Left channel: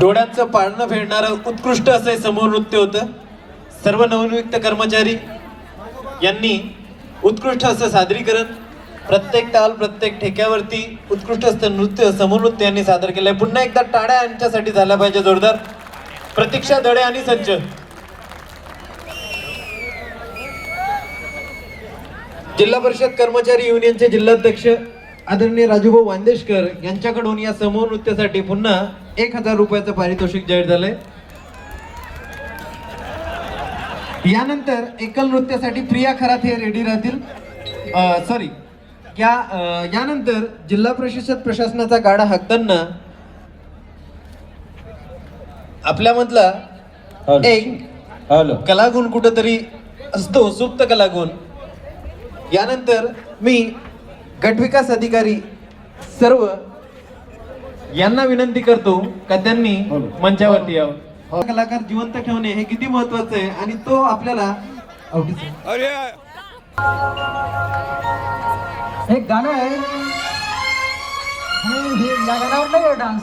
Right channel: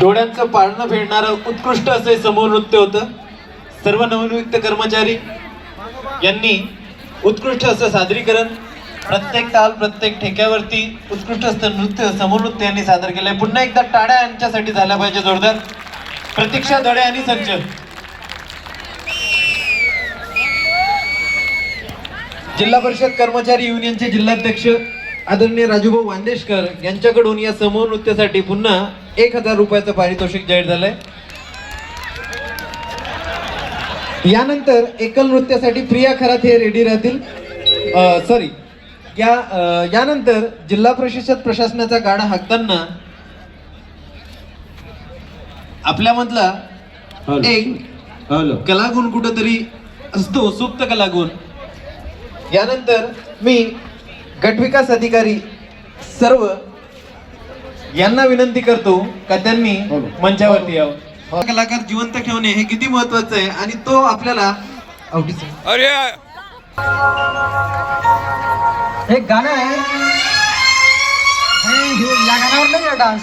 डोळ्यांचं पाळणं फेडणारं उत्कृष्ट असे समूह नृत्य होतं. सर्व नवनियुक्त कर्मचारी यांनी उत्कृष्ट असं सादरीकरण, प्रत्येक ताल प्रत्येक ठेक्यावरती उत्कृष्ट असं नृत्य समूह नृत्य यांनी सादर केलंय. पुन्हा एकदा टाळ्या यांच्यासाठी झाल्या पाहिजे जोरदार. प्रतीक्षा धडे आणि संच. जिल्हा परिषद कर्मचारी युनियनचे जिल्हाध्यक्ष आदरणीय राजूभाऊ वांदेशकर यांच्याकडून या समूह नृत्यासाठी पुन्हा 1000 रुपयाचं पारितोषिक जाहीर झालंय. यानंतर एकल नृत्यासाठी प्रिया खरात हे रेडी राहतील. यानंतर जिल्हा परिषद प्रशासनाचा गाडा हाकताना आपल्यामधला एक कलागुण कुठेतरी असतो, सुप्त कलागुण. यानंतर मी गटविकास अधिकारी सर्व यांना विनंती करतो का त्यांनी मंचावरती यावं. कलाकार जिवंत ठेवणे हे किती महत्वाचं आहे आणि तो आपल्याला अरे एक गाणं आहे, या गाण्यावर नाही डान्स.